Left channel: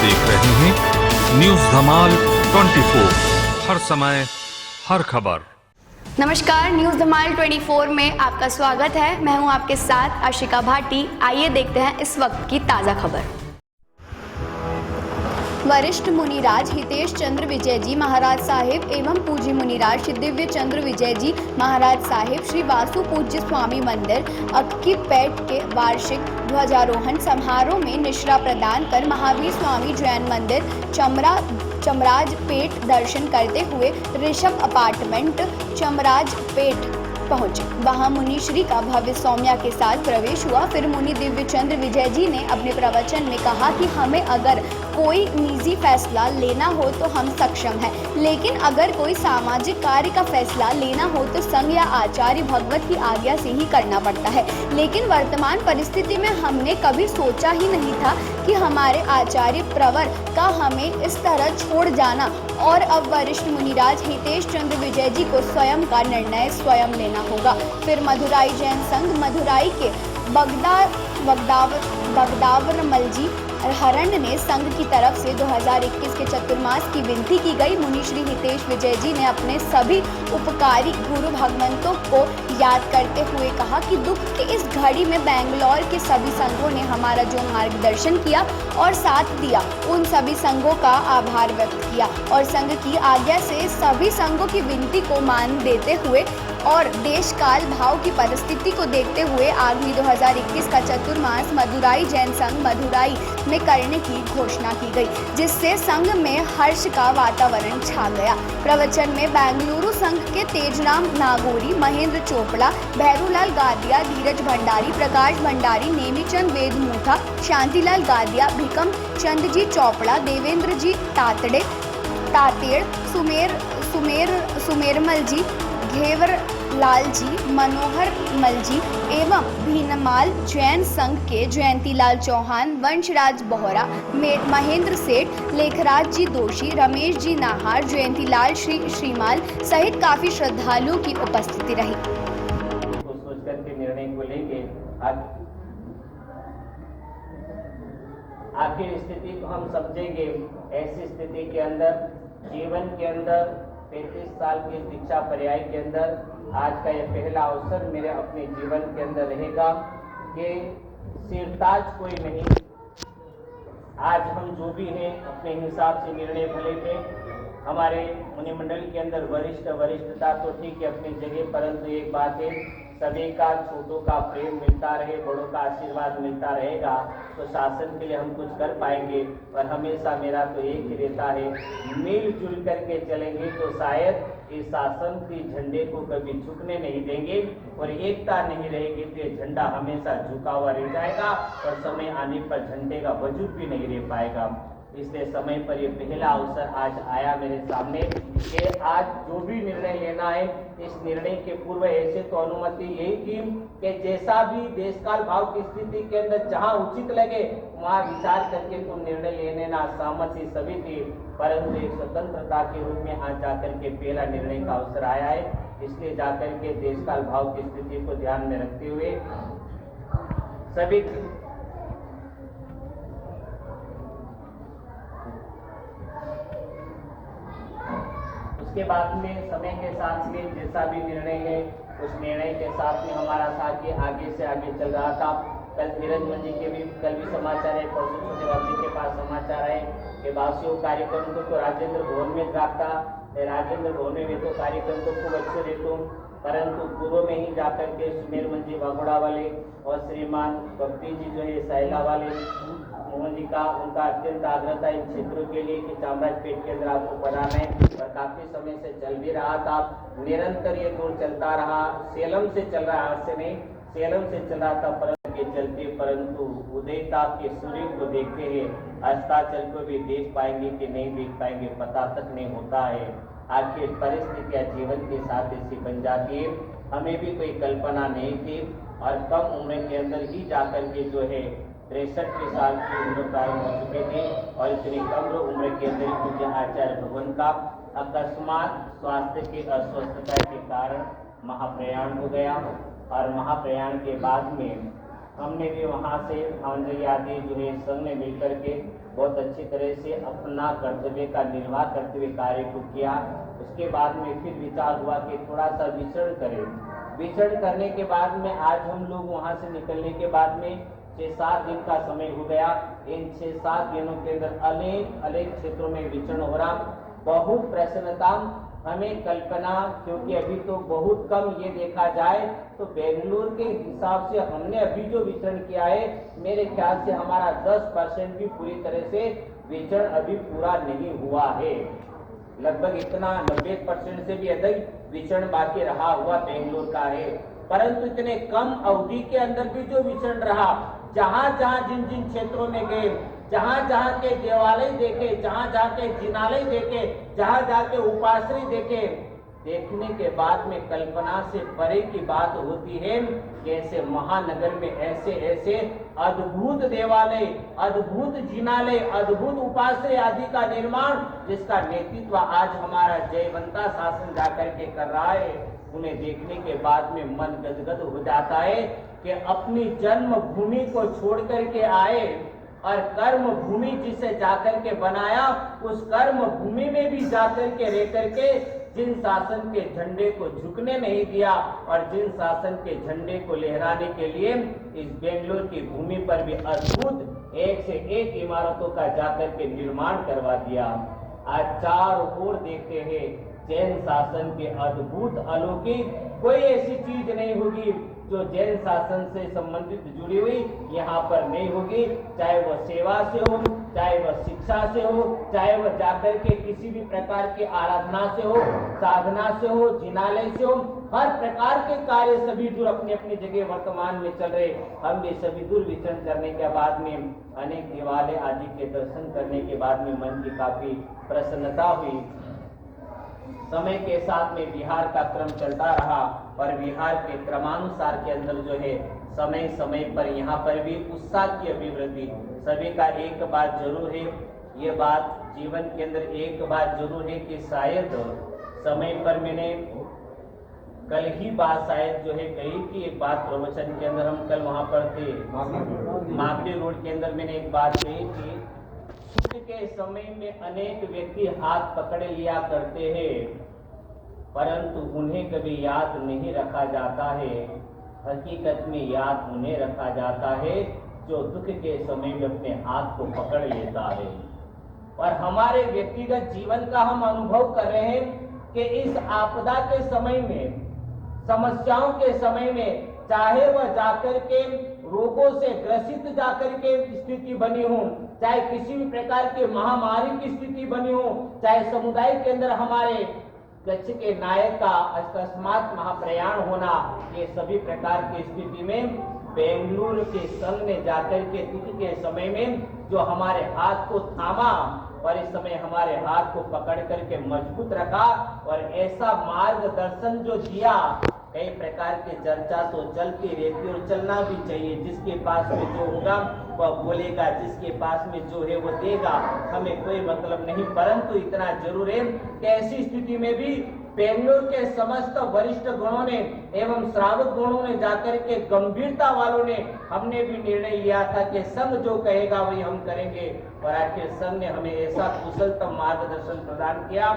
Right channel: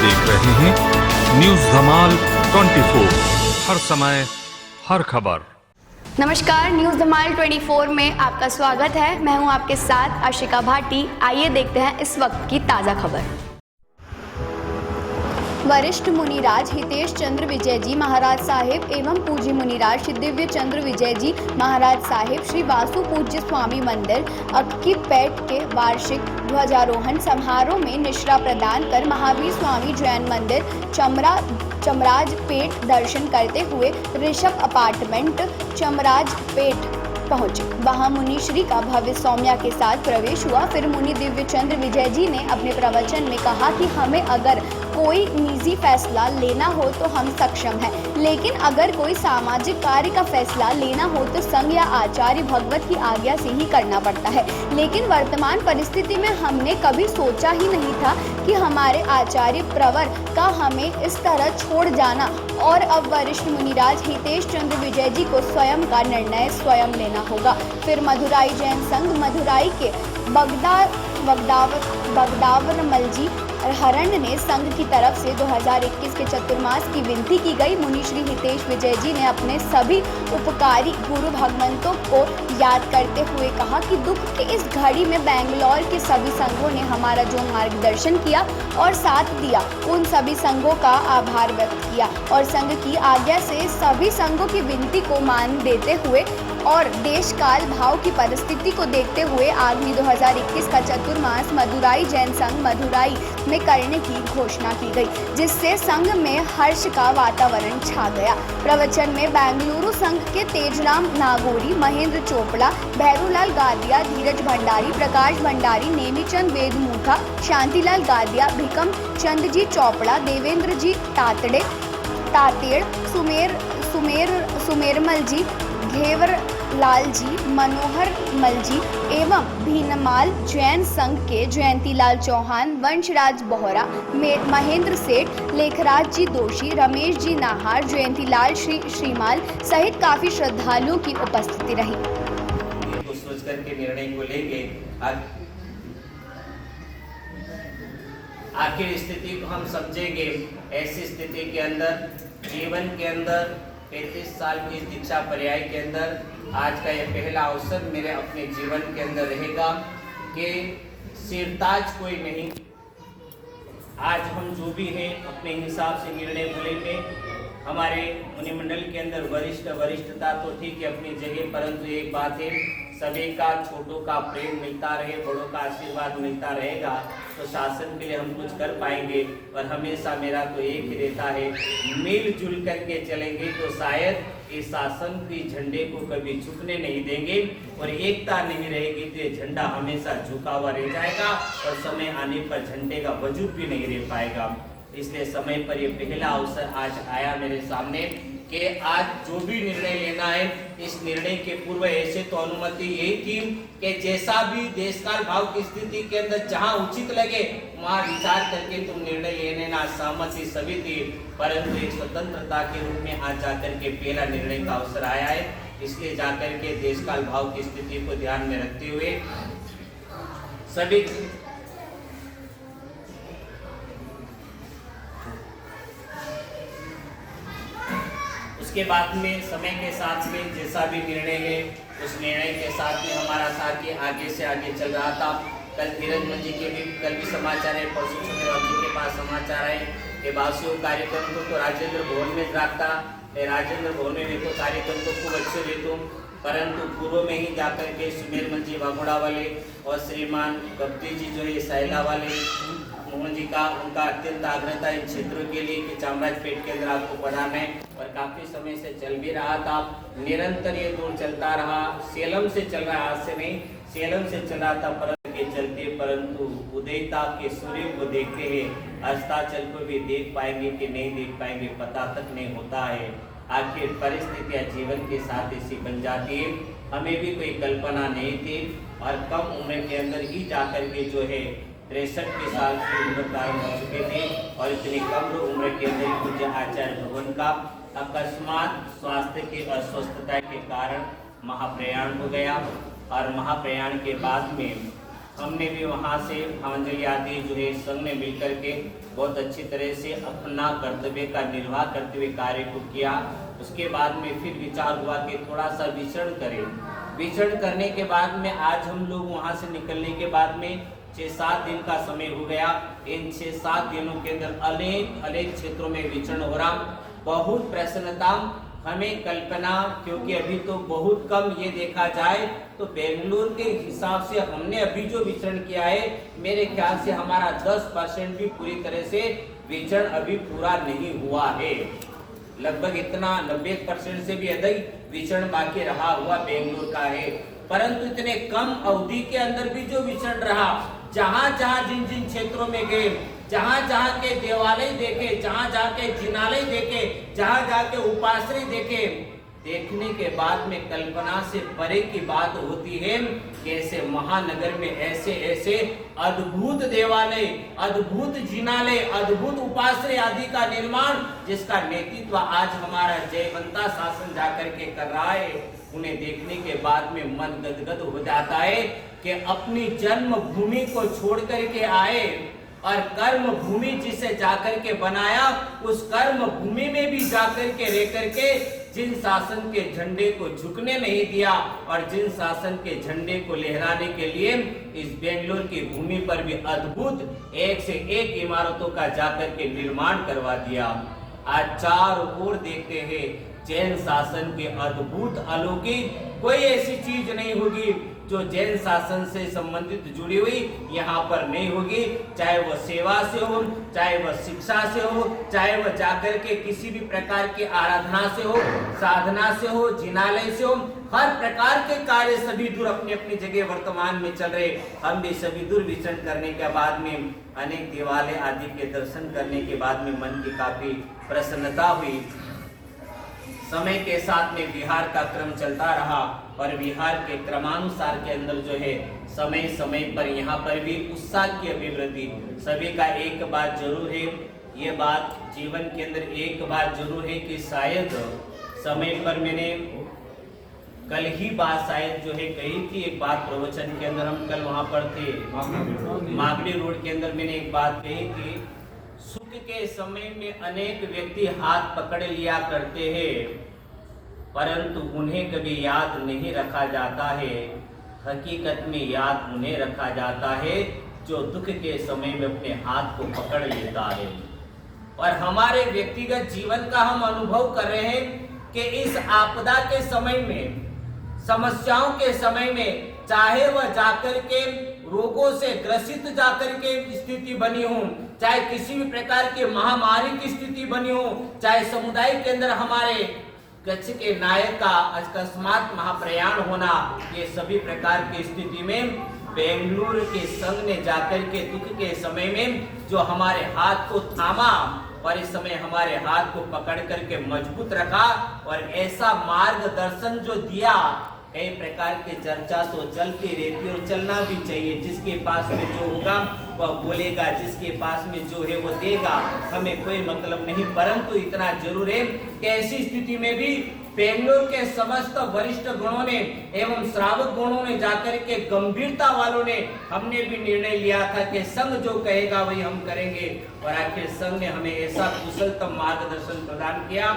देख रहे हैं न्यूज धमाल 24, हर समय हर खबर। नमस्कार, न्यूज धमाल 24 में आपका स्वागत है। मैं हूं आपके साथ आशिका भाटी। आइए देखते हैं इस वक्त की ताज़ा खबर। वरिष्ठ मुनिराज हितेश चंद्र विजय जी महाराज साहिब एवं पूज्य मुनिराज श्री दिव्य चंद्र विजय जी महाराज साहिब श्री वासु पूज्य स्वामी मंदिर अक्कीपेट के वार्षिक ध्वजारोहण समारोह में निश्रा प्रदान कर महावीर स्वामी जैन मंदिर चमराजपेट दर्शन करते हुए ऋषभ अपार्टमेंट चमराजपेट पहुंचे। वहां मुनि श्री का भव्य सौम्या के साथ प्रवेश हुआ। फिर मुनि दिव्य चंद्र विजय जी ने अपने प्रवचन में कहा कि हमें अगर कोई निजी फैसला लेना हो तो हम सक्षम हैं, लेकिन अगर कोई सामाजिक कार्य का फैसला लेना हो तो संघ या आचार्य भगवत की आज्ञा से ही करना पड़ता है। लेकिन वर्तमान परिस्थिति में हमने कभी सोचा ही नहीं था कि हमारे आचार्य प्रवर का हमें इस तरह छोड़ जाना, और अब वरिष्ठ मुनिराज हितेश चंद्र विजय जी को स्वयं का निर्णय स्वयं लेना होगा। फिर मधुराई जैन संघ मधुराई के बगदावरमल जी हरण ने संघ की तरफ से 2021 के चतुर्मास की विनती की गई। मुनि श्री हितेश विजय जी ने अपने सभी उपकारी गुरु भगवंतों को याद करते हुए कहा कि दुख की इस घड़ी में बेंगलोर के सभी संघों ने हमारा जो मार्गदर्शन किया और साथ दिया, उन सभी संघों का आभार व्यक्त किया और संघ की आज्ञा से सभी संघों की विनती को मान देते हुए और देश काल भाव की परिस्थिति को देखते हुए आगामी 2021 का चतुर्मास मधुराई जैन संघ मधुराई में करने की घोषणा की गई, जिससे संघ में हर्ष का वातावरण छा गया। प्रवचन में बेंगलुरु संघ के तेजराम नागौरी, महेंद्र चोपड़ा, भैरूलाल गादिया, धीरज भंडारी, प्रकाश भंडारी, नेमीचंद वेदमुथा, शांतिलाल गादिया, भिकम चंद जी चोपड़ा, देवेंद्र जी तातेड़, सुमेरमल जी, घेवर लाल जी, मनोहर मल जी एवं भीनमाल जैन संघ के जयंतीलाल चौहान, वंशराज बोहरा, महेंद्र सेठ, लेखराज जी दोषी, रमेश जी नाहार, जयंतीलाल श्रीमाल सहित काफी श्रद्धालुओं की उपस्थिति रही। को सोच करके निर्णय को लेंगे। आखिर स्थिति को हम समझेंगे। ऐसी स्थिति के अंदर जीवन के अंदर 33 साल की दीक्षा पर्याय के अंदर आज का यह पहला अवसर मेरे अपने जीवन के अंदर रहेगा कि सिरताज कोई नहीं। आज हम जो भी हैं अपने हिसाब से निर्णय बोलेंगे। हमारे मुनिमंडल के अंदर वरिष्ठता तो ठीक है अपनी जगह, परंतु एक बात है, सभी का छोटों का प्रेम मिलता रहे, बड़ों का आशीर्वाद मिलता रहेगा तो शासन के लिए हम कुछ कर पाएंगे। और हमेशा मेरा तो एक ही रहता है, मिलजुल करके चलेंगे तो शायद इस शासन के झंडे को कभी झुकने नहीं देंगे, और एकता नहीं रहेगी तो ये झंडा हमेशा झुका हुआ रह जाएगा और समय आने पर झंडे का वजूद भी नहीं रह पाएगा। इसलिए समय पर ये पहला अवसर आज आया मेरे सामने कि आज जो भी निर्णय लेना है, इस निर्णय के पूर्व ऐसे तो अनुमति यही थी कि जैसा भी देशकाल भाव की स्थिति के अंदर जहां उचित लगे वहां विचार करके तुम निर्णय लेने ना सहमति सभी थी, परंतु एक स्वतंत्रता के रूप में आज जाकर के पहला निर्णय का अवसर आया है। इसलिए जाकर के देशकाल भाव की स्थिति को ध्यान में रखते हुए सभी उसके बाद में समय के साथ में जैसा भी निर्णय है उस निर्णय के साथ में हमारा था कि आगे से आगे चल रहा था। कल धीरज जी के भी कल भी समाचार है, परसों सुमेरवाल जी के पास समाचार है कि बासियों कार्यक्रम को तो राजेंद्र भवन में रखता, राजेंद्र भवन में देखो कार्यक्रम को खूब अच्छे देखो, परंतु पूर्व में ही जाकर के सुमेरमल जी वागुड़ा वाले और श्रीमान गप्ती जी जो है सैला वाले मोहन जी का उनका अत्यंत आग्रह था इन क्षेत्रों के लिए कि चामराजपेट के अंदर आपको बनाना है, और काफी समय से चल भी रहा था। निरंतर ये दूर चलता रहा, सेलम से चल रहा, आज से नहीं सेलम से चल रहा था परंतु के चलते, परंतु उदयता के सूर्य को देखते हुए अस्ताचल को भी देख पाएंगे कि नहीं देख पाएंगे पता तक नहीं होता है। आखिर परिस्थितियां जीवन के साथ ऐसी बन जाती है, हमें भी कोई कल्पना नहीं थी और कम उम्र के अंदर ही जाकर के जो है 63 साल की उम्र धारण हो चुके थे और इतनी कम उम्र के अंदर पूज्य आचार्य भगवान का अकस्मात स्वास्थ्य की अस्वस्थता के कारण महाप्रयाण हो गया, और महाप्रयाण के बाद में हमने भी वहाँ से भावंजलि आदि जो है संघ ने मिलकर के बहुत अच्छी तरह से अपना कर्तव्य का निर्वाह करते हुए कार्य को किया। उसके बाद में फिर विचार हुआ कि थोड़ा सा विचरण करें। विचरण करने के बाद में आज हम लोग वहाँ से निकलने के बाद में 6-7 दिन का समय हो गया। इन 6-7 दिनों के अंदर अनेक क्षेत्रों में विचरण हो रहा, बहुत प्रसन्नता हमें कल्पना, क्योंकि अभी तो बहुत कम ये देखा जाए तो बेंगलुरु के हिसाब से हमने अभी जो विचरण किया है, मेरे ख्याल से हमारा 10% भी पूरी तरह से विचरण अभी पूरा नहीं हुआ है। लगभग इतना 90% से भी अधिक विचरण बाकी रहा हुआ बेंगलुरु का है। परंतु इतने कम अवधि के अंदर भी जो विचरण रहा, जहां जहां जिन जिन क्षेत्रों में गए, जहां जहां के देवालय देखे, जहां जहां के जिनालय देखे, जहां जहां के उपाश्रय देखे, देखने के बाद में कल्पना से परे की बात होती है कि ऐसे महानगर में ऐसे ऐसे अद्भुत देवालय, अद्भुत जिनालय, अद्भुत उपाश्रय आदि का निर्माण, जिसका नेतृत्व आज हमारा जयवंता शासन जाकर के कर रहा है, उन्हें देखने के बाद में मन गदगद हो जाता है कि अपनी जन्म भूमि को छोड़ करके आए और कर्म भूमि जिसे जाकर के बनाया, उस कर्म भूमि में भी जाकर के रह करके जिन शासन के झंडे को झुकने नहीं दिया और जिन शासन के झंडे को लहराने के लिए इस बेंगलुरु की भूमि पर भी अद्भुत एक से एक इमारतों का जाकर के निर्माण करवा दिया। आज चारों ओर देखते हैं जैन शासन के अद्भुत अलौकिक कोई ऐसी चीज नहीं होगी जो जैन शासन से संबंधित जुड़ी हुई यहाँ पर नहीं होगी। चाहे वह सेवा से हो, चाहे वह शिक्षा से हो, चाहे वह जाकर के किसी भी प्रकार की आराधना से हो, साधना से हो, जिनालय से हो, हर प्रकार के कार्य सभी दूर अपनी अपनी जगह वर्तमान में चल रहे। हम भी सभी दूर विचरण करने के बाद में अनेक देवालय आदि के दर्शन करने के बाद में मन की काफी प्रसन्नता हुई। समय के साथ में विहार का क्रम चलता रहा और विहार के क्रमानुसार के अंदर जो है समय समय पर यहाँ पर भी उत्साह की अभिवृद्धि। सभी का एक बात जरूर है, ये बात जीवन के अंदर एक बात जरूर है कि शायद समय पर मैंने कल ही बात शायद जो है कही थी, एक बात प्रवचन के अंदर, हम कल वहाँ पर थे मागड़ी रोड के अंदर, मैंने एक बात कही थी, सुख के समय में अनेक व्यक्ति हाथ पकड़ लिया करते हैं परंतु उन्हें कभी याद नहीं रखा जाता है। हकीकत में याद उन्हें रखा जाता है जो दुख के समय में अपने हाथ को पकड़ लेता है। और हमारे व्यक्तिगत जीवन का हम अनुभव कर रहे हैं कि इस आपदा के समय में, समस्याओं के समय में, चाहे वह जाकर के रोगों से ग्रसित जाकर के स्थिति बनी हो, चाहे किसी भी प्रकार के महामारी की स्थिति बनी हो, चाहे समुदाय के अंदर हमारे कच्छ के नायक का अकस्मात महाप्रयाण होना, ये सभी प्रकार की स्थिति में बेंगलुरु के संघ ने जाकर के दुख के समय में जो हमारे हाथ को थामा और इस समय हमारे हाथ को पकड़ करके मजबूत रखा और ऐसा मार्गदर्शन जो दिया। कई प्रकार के चर्चा तो चलती रहती और चलना भी चाहिए। जिसके पास में जो होगा वह बोलेगा, जिसके पास में जो है वो देगा, हमें कोई मतलब नहीं। परंतु इतना जरूर है कि ऐसी स्थिति में भी बेंगलुरु के समस्त वरिष्ठ गणों ने एवं श्रावक गणों ने जाकर के गंभीरता वालों ने हमने भी निर्णय लिया था कि संघ जो कहेगा वही हम करेंगे। और आखिर संघ ने हमें ऐसा कुशलतम मार्गदर्शन प्रदान किया,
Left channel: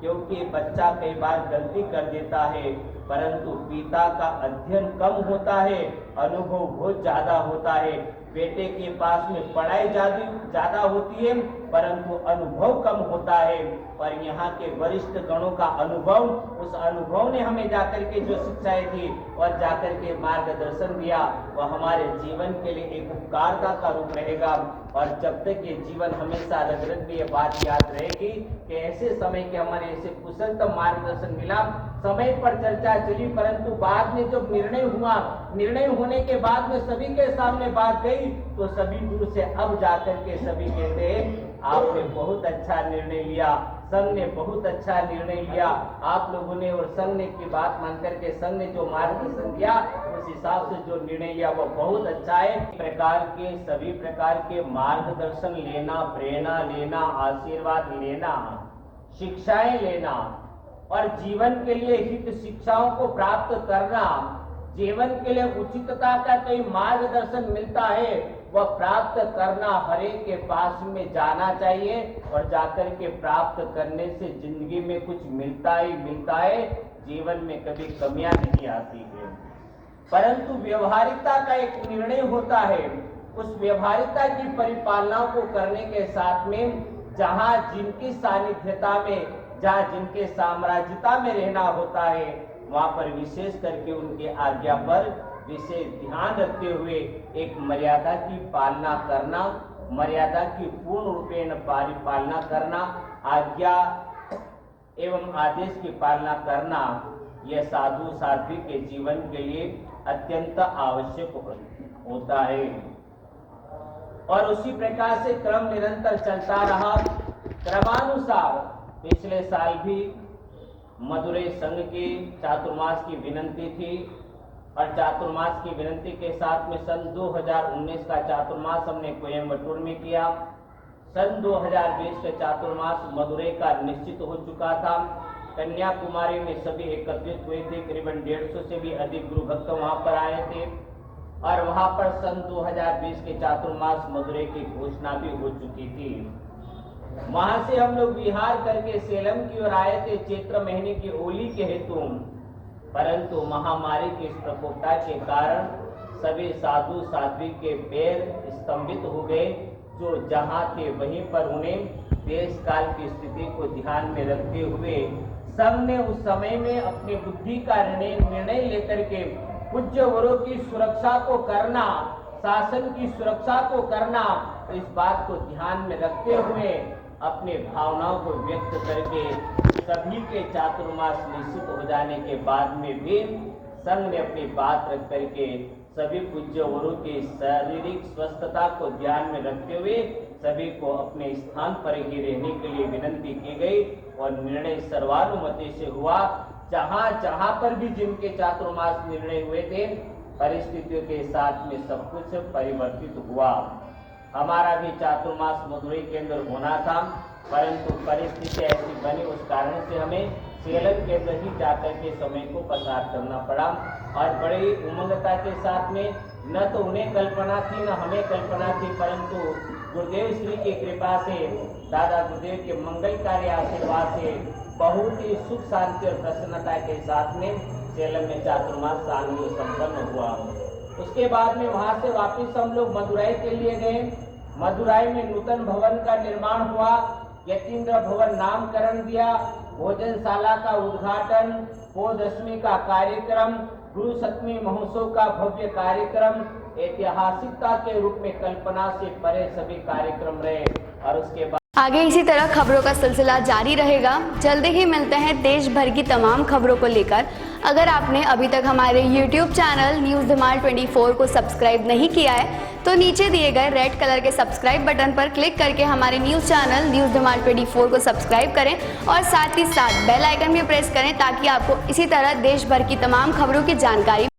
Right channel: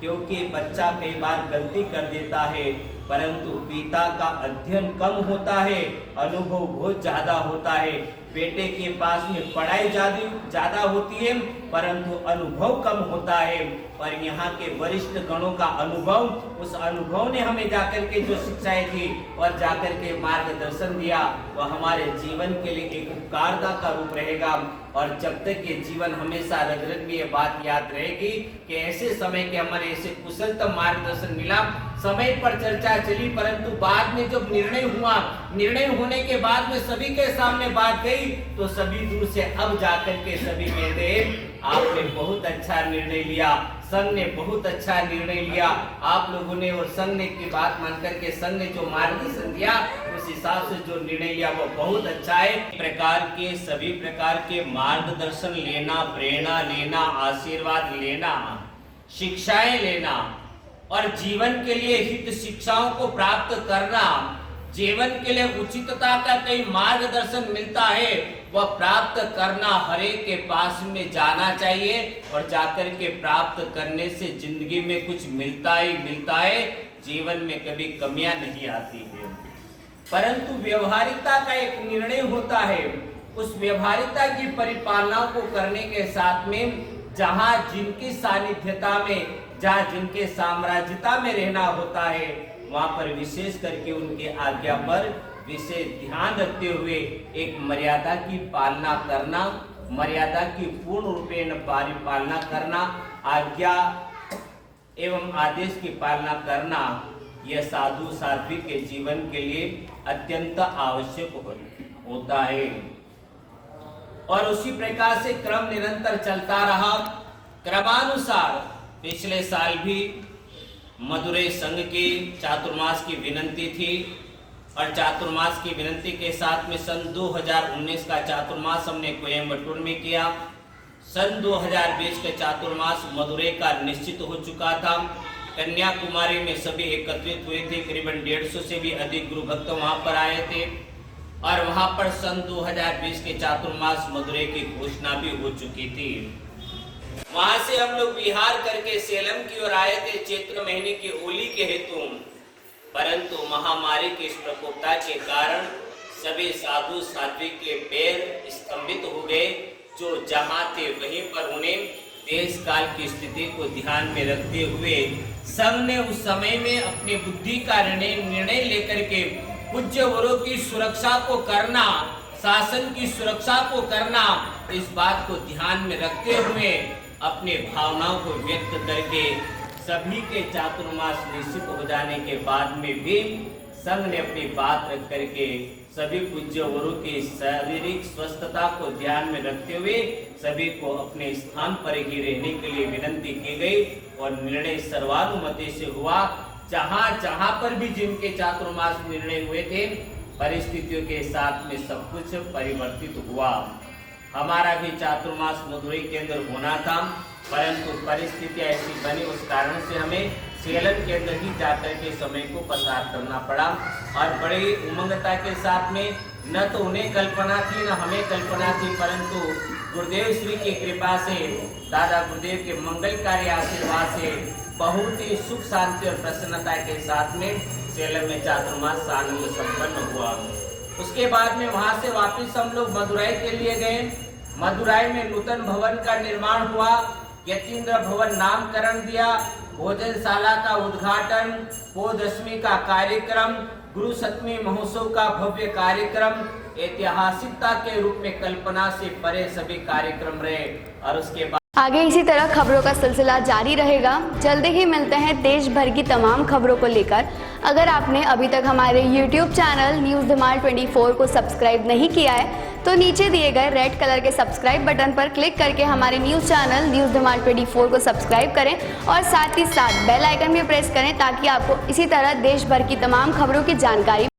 क्योंकि बच्चा कई बार गलती कर देता है परंतु पिता का अध्ययन कम होता है, अनुभव बहुत ज्यादा होता है। बेटे के पास में पढ़ाई ज्यादा होती है परंतु अनुभव कम होता है। और यहाँ के वरिष्ठ गणों का अनुभव, उस अनुभव ने हमें जाकर के जो शिक्षाएं दी और जाकर के मार्गदर्शन दिया, वह हमारे जीवन के लिए एक उपकारता का रूप रहेगा। और जब तक ये जीवन हमेशा रग रग में ये बात याद रहेगी कि ऐसे समय के हमारे ऐसे कुशलतम मार्गदर्शन मिला, समय पर चर्चा चली परंतु बाद में जब निर्णय हुआ, निर्णय होने के बाद में सभी के सामने बात गई तो सभी दूर से अब जाकर के सभी कहते हैं आपने बहुत अच्छा निर्णय लिया, संघ ने बहुत अच्छा निर्णय लिया, आप लोगों ने और संघ ने की बात मान करके संघ ने जो मार्गदर्शन दिया उस हिसाब से जो निर्णय लिया वो बहुत अच्छा है। प्रकार के सभी प्रकार के मार्गदर्शन लेना, प्रेरणा लेना, आशीर्वाद लेना, शिक्षाएं लेना और जीवन के लिए हित शिक्षाओं को प्राप्त करना, जीवन के लिए उचितता का कई मार्गदर्शन मिलता है, वह प्राप्त करना हर एक के पास में जाना चाहिए और जाकर के प्राप्त करने से जिंदगी में कुछ मिलता ही मिलता है, जीवन में कभी कमियां नहीं आती है। परंतु व्यवहारिकता का एक निर्णय होता है, उस व्यवहारिकता की परिपालना को करने के साथ में जहां जिनकी सानिध्यता में, जहां जिनके साम्राज्यता में रहना होता है, वहां पर विशेष करके उनके आज्ञा पर विशेष ध्यान रखते हुए एक मर्यादा की पालना करना, मर्यादा की पूर्ण रूपेण परिपालना करना, आज्ञा एवं आदेश की पालना करना, यह साधु साध्वी के जीवन के लिए अत्यंत आवश्यक होता है। और उसी प्रकार से क्रम निरंतर चलता रहा। क्रमानुसार पिछले साल भी मदुरै संघ की चातुर्मास की विनंती थी और चातुर्मास की विनंती के साथ में सन 2019 का चातुर्मास हमने कोयम्बटूर में किया। सन 2020 के चातुर्मास मदुरै का निश्चित हो चुका था। कन्याकुमारी में सभी एकत्रित हुए थे, करीबन 150 से भी अधिक गुरु भक्त वहां पर आए थे और वहां पर सन 2020 के चातुर्मास मदुरै की घोषणा भी हो चुकी थी। वहां से हम लोग विहार करके सेलम की ओर आए थे चैत्र महीने की होली के हेतु, परंतु महामारी की इस प्रकोपता के कारण सभी साधु साध्वी के पैर स्तंभित हो गए। जो जहां थे वहीं पर उन्हें देश काल की स्थिति को ध्यान में रखते हुए संघ ने उस समय में अपनी बुद्धि का निर्णय लेकर के पूज्य वरों की सुरक्षा को करना, शासन की सुरक्षा को करना, इस बात को ध्यान में रखते हुए अपने भावनाओं को व्यक्त करके सभी के चातुर्मास निश्चित हो जाने के बाद में भी संघ ने अपनी बात रख करके सभी पूज्य वरों की शारीरिक स्वस्थता को ध्यान में रखते हुए सभी को अपने स्थान पर ही रहने के लिए विनंती की गई और निर्णय सर्वानुमति से हुआ। जहां जहां पर भी जिनके चातुर्मास निर्णय हुए थे, परिस्थितियों के साथ में सब कुछ परिवर्तित हुआ। हमारा भी चातुर्मास मदुरै के अंदर होना था, परंतु परिस्थिति ऐसी बनी, उस कारण से हमें सेलम के अंदर ही जाकर के समय को पसार करना पड़ा। और बड़ी उमंगता के साथ में न तो उन्हें कल्पना थी न हमें कल्पना थी, परंतु गुरुदेव श्री की कृपा से, दादा गुरुदेव के मंगलकारी आशीर्वाद से बहुत ही सुख शांति और प्रसन्नता के साथ में सेलम में चातुर्मास आनंद संपन्न हुआ। उसके बाद में वहां से वापस हम लोग मदुरै के लिए गए। मदुरै में नूतन भवन का निर्माण हुआ, यतीन्द्र भवन नामकरण दिया, भोजनशाला का उद्घाटन, पौदशमी का कार्यक्रम, गुरु सप्तमी महोत्सव का भव्य कार्यक्रम, ऐतिहासिकता के रूप में कल्पना से परे सभी कार्यक्रम रहे। और उसके बाद आगे इसी तरह खबरों का सिलसिला जारी रहेगा। जल्दी ही मिलते हैं देश भर की तमाम खबरों को लेकर। अगर आपने अभी तक हमारे YouTube चैनल न्यूज़ धमाल 24 को सब्सक्राइब नहीं किया है तो नीचे दिए गए रेड कलर के सब्सक्राइब बटन पर क्लिक करके हमारे न्यूज़ चैनल न्यूज़ धमाल 24 को सब्सक्राइब करें और साथ ही साथ बेल आइकन भी प्रेस करें ताकि आपको इसी तरह देश भर की तमाम खबरों की जानकारी